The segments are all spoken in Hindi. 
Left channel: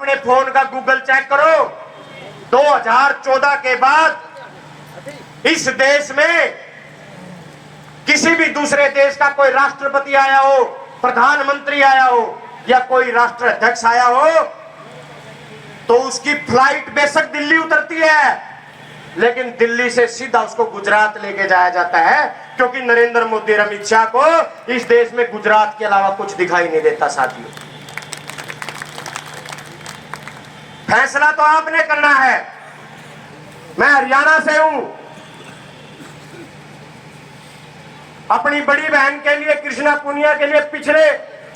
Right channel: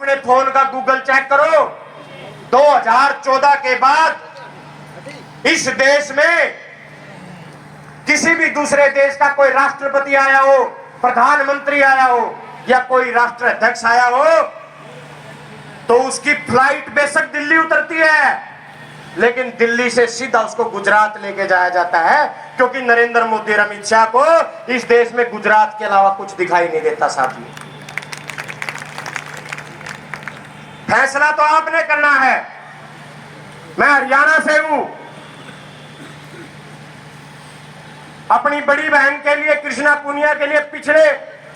अपने फोन का गूगल चेक करो, 2014 के बाद इस देश में किसी भी दूसरे देश का कोई राष्ट्रपति आया हो, प्रधानमंत्री आया हो या कोई राष्ट्राध्यक्ष आया हो तो उसकी फ्लाइट बेशक दिल्ली उतरती है, लेकिन दिल्ली से सीधा उसको गुजरात लेके जाया जाता है, क्योंकि नरेंद्र मोदी और अमित शाह को इस देश में गुजरात के अलावा कुछ दिखाई नहीं देता। साथियों, फैसला तो आपने करना है। मैं हरियाणा से हूं, अपनी बड़ी बहन के लिए, कृष्णा पुनिया के लिए पिछले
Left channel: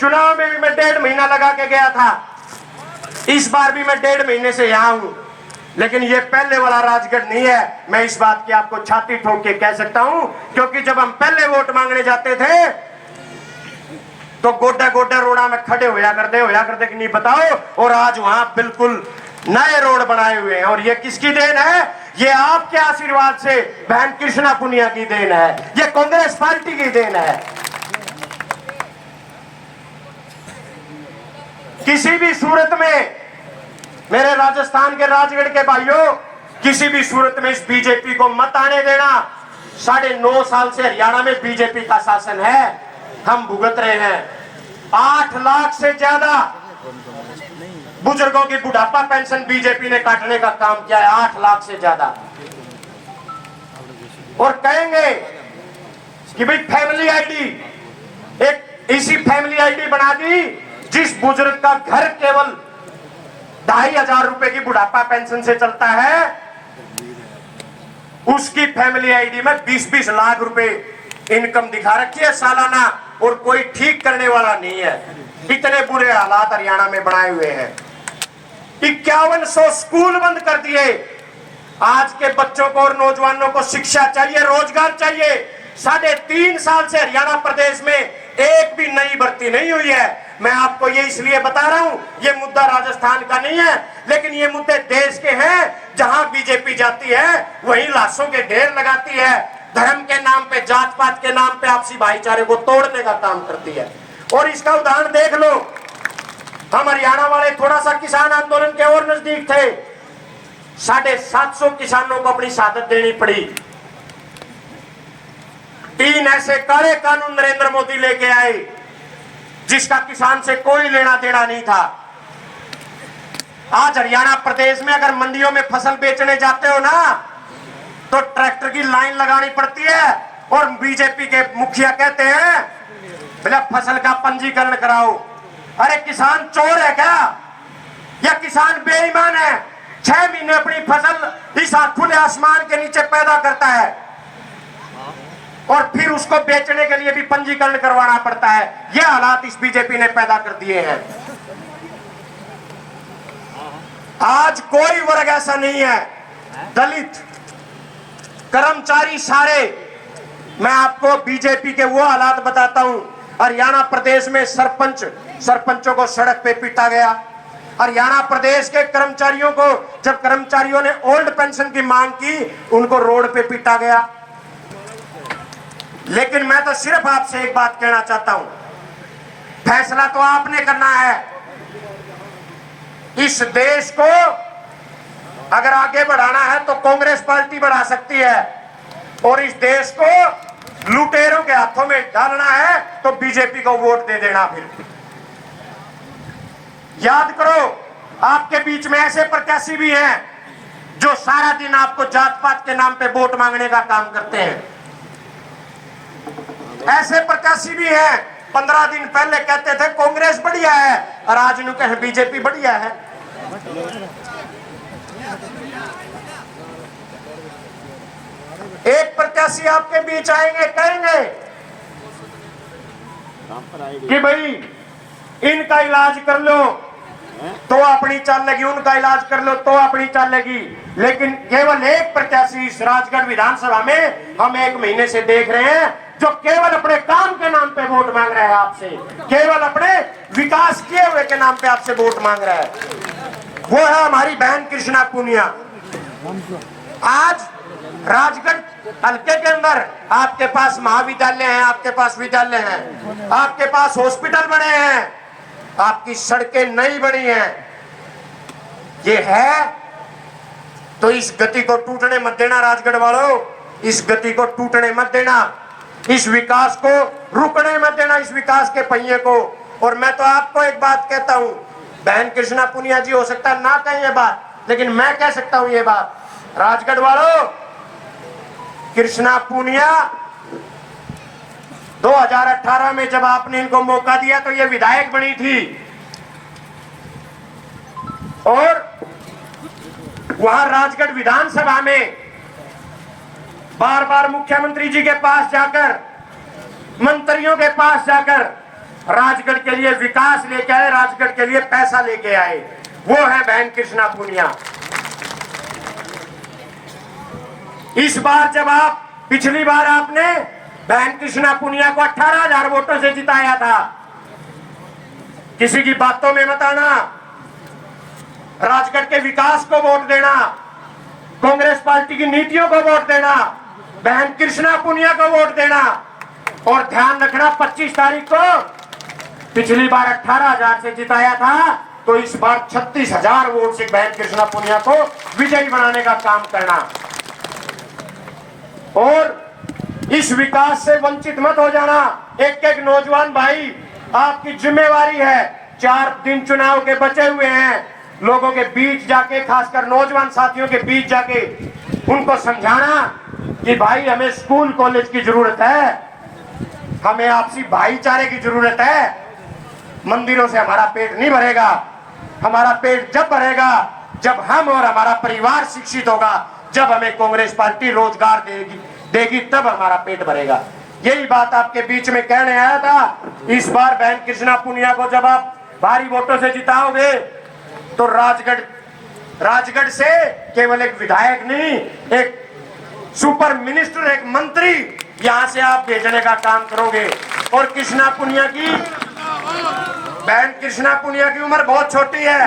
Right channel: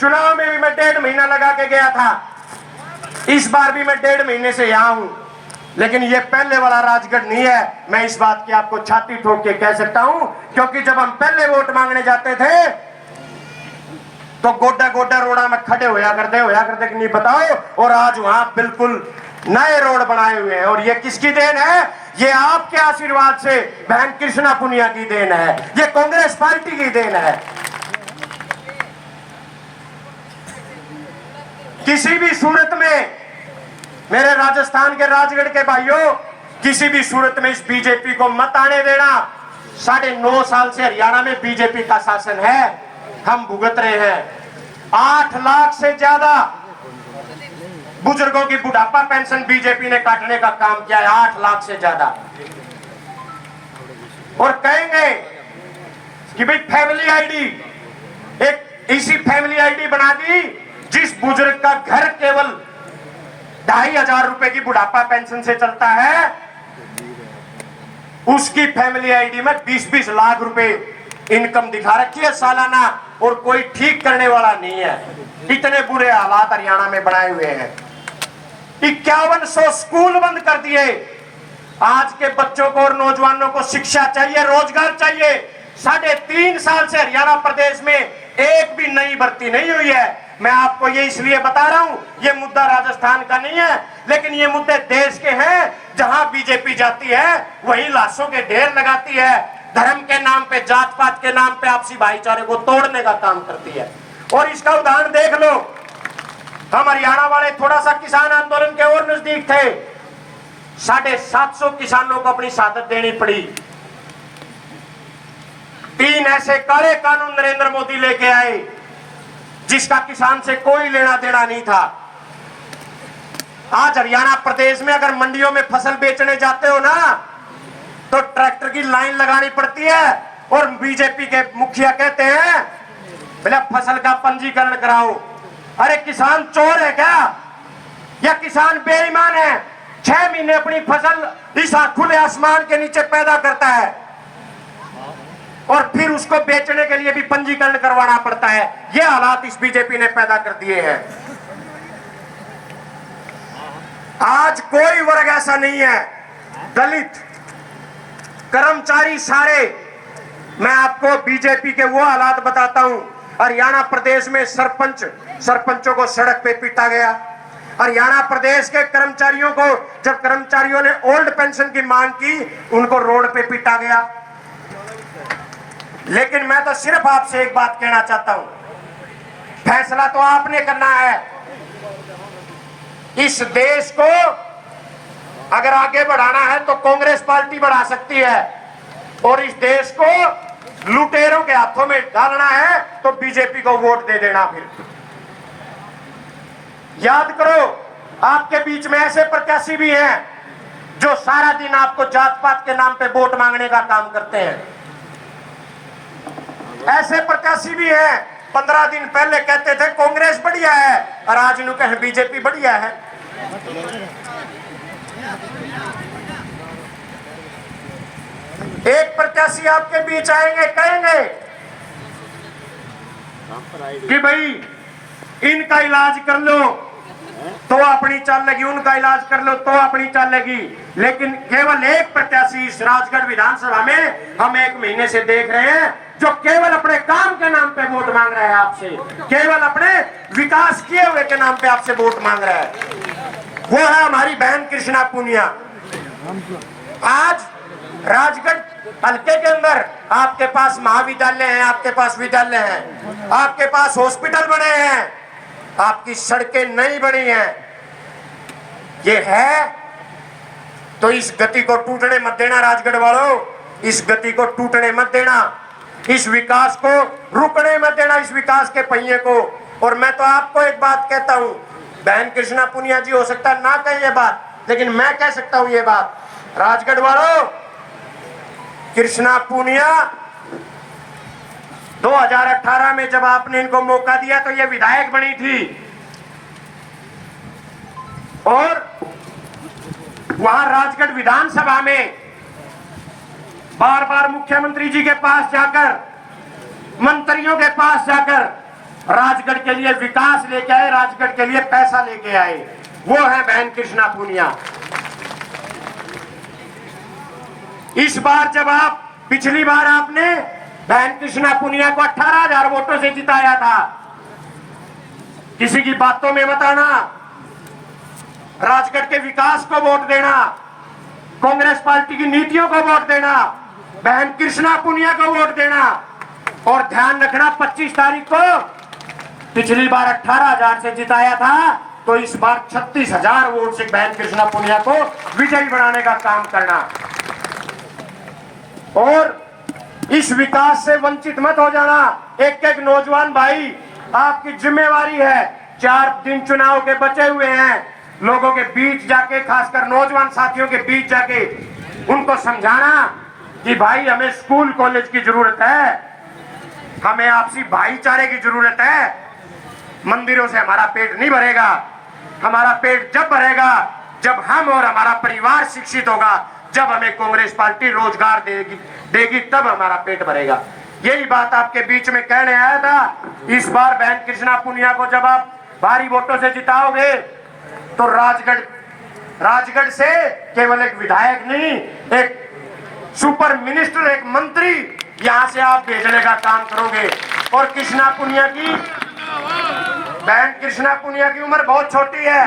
चुनाव में भी मैं 1.5 महीना लगा के गया था, इस बार भी मैं 1.5 महीने से यहां हूं, लेकिन ये पहले वाला राजगढ़ नहीं है। मैं इस बात की आपको छाती ठोक के कह सकता हूं, क्योंकि जब हम पहले वोट मांगने जाते थे तो गोड्डा गोड्डा रोड़ा में खड़े होया करते कि नहीं बताओ, और आज वहां बिल्कुल नए रोड बनाए हुए हैं। और ये किसकी देन है? ये आपके आशीर्वाद से बहन कृष्णा पुनिया की देन है, ये कांग्रेस पार्टी की देन है। किसी भी सूरत में मेरे राजस्थान के राजगढ़ के भाइयों, किसी भी सूरत में इस बीजेपी को मत आने देना। 9.5 साल से हरियाणा में बीजेपी का शासन है, हम भुगत रहे हैं। 8 लाख से ज्यादा बुजुर्गों की बुढ़ापा पेंशन बीजेपी ने काटने का काम किया है, 8 लाख से ज्यादा। और कहेंगे कि भाई फैमिली आईडी, एक इसी फैमिली आईडी बना दी जिस बुजुर्ग का घर केवल 2,500 रुपए की बुढ़ापा पेंशन से चलता है, उसकी फैमिली आईडी में 20-20 लाख रुपए इनकम दिखा रखी है सालाना, और कोई ठीक करने वाला नहीं है। इतने बुरे हालात हरियाणा में बनाए हुए हैं। 5100 स्कूल बंद कर दिए। आज के बच्चों को और नौजवानों को शिक्षा चाहिए, रोजगार चाहिए। 3.5 साल से हरियाणा प्रदेश में एक भी नई भर्ती नहीं हुई है। मैं आपको ये इसलिए बता रहा हूं, ये मुद्दा राजस्थान का नहीं है, लेकिन ये मुद्दे देश के हैं। जहां बीजेपी जाती है वहीं लाशों के ढेर लगाती है, धर्म के नाम पे, जात पात के नाम पे आपसी भाईचारे को तोड़ने का काम करती है। और इसका उदाहरण देख लो, हम हरियाणा वाले थोड़ा सा किसान आंदोलन के और नजदीक थे, 750 किसानों को अपनी शहादत देनी पड़ी। 3 ऐसे काले कानून नरेंद्र मोदी लेके आए जिसका किसान से कोई लेना देना नहीं था। आज हरियाणा प्रदेश में अगर मंडियों में फसल बेचने जाते हो ना, तो ट्रैक्टर की लाइन लगानी पड़ती है, और बीजेपी के मुखिया कहते हैं बोला फसल का पंजीकरण कराओ। अरे किसान चोर है क्या, या किसान बेईमान है? 6 महीने अपनी फसल इस खुले आसमान के नीचे पैदा करता है, और फिर उसको बेचने के लिए भी पंजीकरण करवाना पड़ता है। ये हालात इस बीजेपी ने पैदा कर दिए हैं। आज कोई वर्ग ऐसा नहीं है, दलित, कर्मचारी, सारे। मैं आपको बीजेपी के वो हालात बताता हूं। हरियाणा प्रदेश में सरपंचों को सड़क पे पीटा गया। हरियाणा प्रदेश के कर्मचारियों को, जब कर्मचारियों ने ओल्ड पेंशन की मांग की, उनको रोड पे पीटा गया। लेकिन मैं तो सिर्फ आपसे एक बात कहना चाहता हूं, फैसला तो आपने करना है। इस देश को अगर आगे बढ़ाना है तो कांग्रेस पार्टी बढ़ा सकती है, और इस देश को लुटेरों के हाथों में डालना है तो बीजेपी को वोट दे देना। फिर याद करो, आपके बीच में ऐसे प्रत्याशी भी हैं जो सारा दिन आपको जात पात के नाम पे वोट मांगने का काम करते हैं। ऐसे प्रत्याशी भी हैं, 15 दिन पहले कहते थे कांग्रेस बढ़िया है, और आज नु कहे बीजेपी बढ़िया है। एक प्रत्याशी आपके बीच आएंगे, कहेंगे कि भाई इनका इलाज कर लो तो अपनी चाल लगी, उनका इलाज कर लो तो अपनी चाल लगी। लेकिन केवल एक प्रत्याशी इस राजगढ़ विधानसभा में हम 1 महीने से देख रहे हैं, जो केवल अपने काम के नाम पे वोट मांग रहा है आपसे, केवल अपने विकास किए हुए के नाम पे आपसे वोट मांग रहा है। वो है हमारी बहन कृष्णा पुनिया। आज राजगढ़ हल्के के अंदर आपके पास महाविद्यालय हैं, आपके पास विद्यालय हैं, आपके पास हॉस्पिटल बने हैं, आपकी सड़कें नई बनी हैं, ये है, तो इस गति को टूटने मत देना राजगढ़ वालों, इस गति को टूटने मत देना, इस विकास को रुकने मत देना, इस विकास के पहिए को। और मैं तो आपको एक बात कहता हूं, बहन कृष्णा पुनिया जी हो सकता है ना कहें ये बात, लेकिन मैं कह सकता हूं ये बात, राजगढ़ वालों, कृष्णा पुनिया 2018 में जब आपने इनको मौका दिया तो ये विधायक बनी थी, और वहां राजगढ़ विधानसभा में बार बार मुख्यमंत्री जी के पास जाकर, मंत्रियों के पास जाकर राजगढ़ के लिए विकास लेके आए, राजगढ़ के लिए पैसा लेके आए। वो है बहन कृष्णा पुनिया। इस बार जब आप, पिछली बार आपने बहन कृष्णा पुनिया को 18,000 वोटों से जिताया था, किसी की बातों में मत आना, राजगढ़ के विकास को वोट देना, कांग्रेस पार्टी की नीतियों को वोट देना, बहन कृष्णा पुनिया को वोट देना। और ध्यान रखना, 25 तारीख को पिछली बार 18,000 से जिताया था, तो इस बार 36,000 वोट से बहन कृष्णा पुनिया को विजयी बनाने का काम करना। और इस विकास से वंचित मत हो जाना। एक एक नौजवान भाई, आपकी जिम्मेवारी है, 4 दिन चुनाव के बचे हुए हैं, लोगों के बीच जाके, खासकर नौजवान साथियों के बीच जाके उनको समझाना कि भाई हमें स्कूल कॉलेज की जरूरत है, हमें आपसी भाईचारे की जरूरत है। मंदिरों से हमारा पेट नहीं भरेगा, हमारा पेट जब भरेगा जब हम और हमारा परिवार शिक्षित होगा, जब हमें कांग्रेस पार्टी रोजगार देगी तब हमारा पेट भरेगा। यही बात आपके बीच में कहने आया था। इस बार बहन कृष्णा पुनिया को जब आप भारी वोटों से जिताओगे तो राजगढ़ से केवल एक विधायक नहीं, एक सुपर मिनिस्टर, एक मंत्री यहां से आप भेजने का काम करोगे। और कृष्णा पुनिया की, बहन कृष्णा पुनिया की उम्र बहुत छोटी है।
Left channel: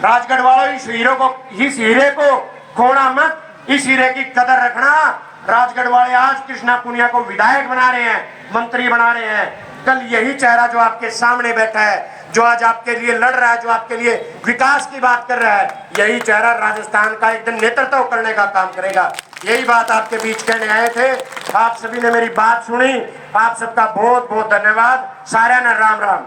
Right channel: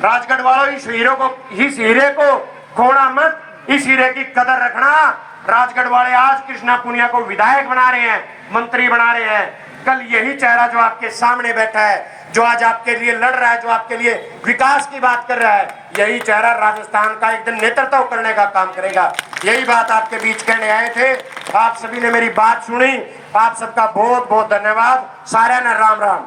राजगढ़ वालों, इस हीरे को खोना मत, इस हीरे की कदर रखना। राजगढ़ वाले आज कृष्णा पुनिया को विधायक बना रहे हैं, मंत्री बना रहे हैं। कल यही चेहरा जो आपके सामने बैठा है, जो आज आपके लिए लड़ रहा है, जो आपके लिए विकास की बात कर रहा है, यही चेहरा राजस्थान का एक दिन नेतृत्व करने का काम करेगा। यही बात आपके बीच कहने आए थे। आप सभी ने मेरी बात सुनी, आप सबका बहुत बहुत धन्यवाद। सारे ने राम राम।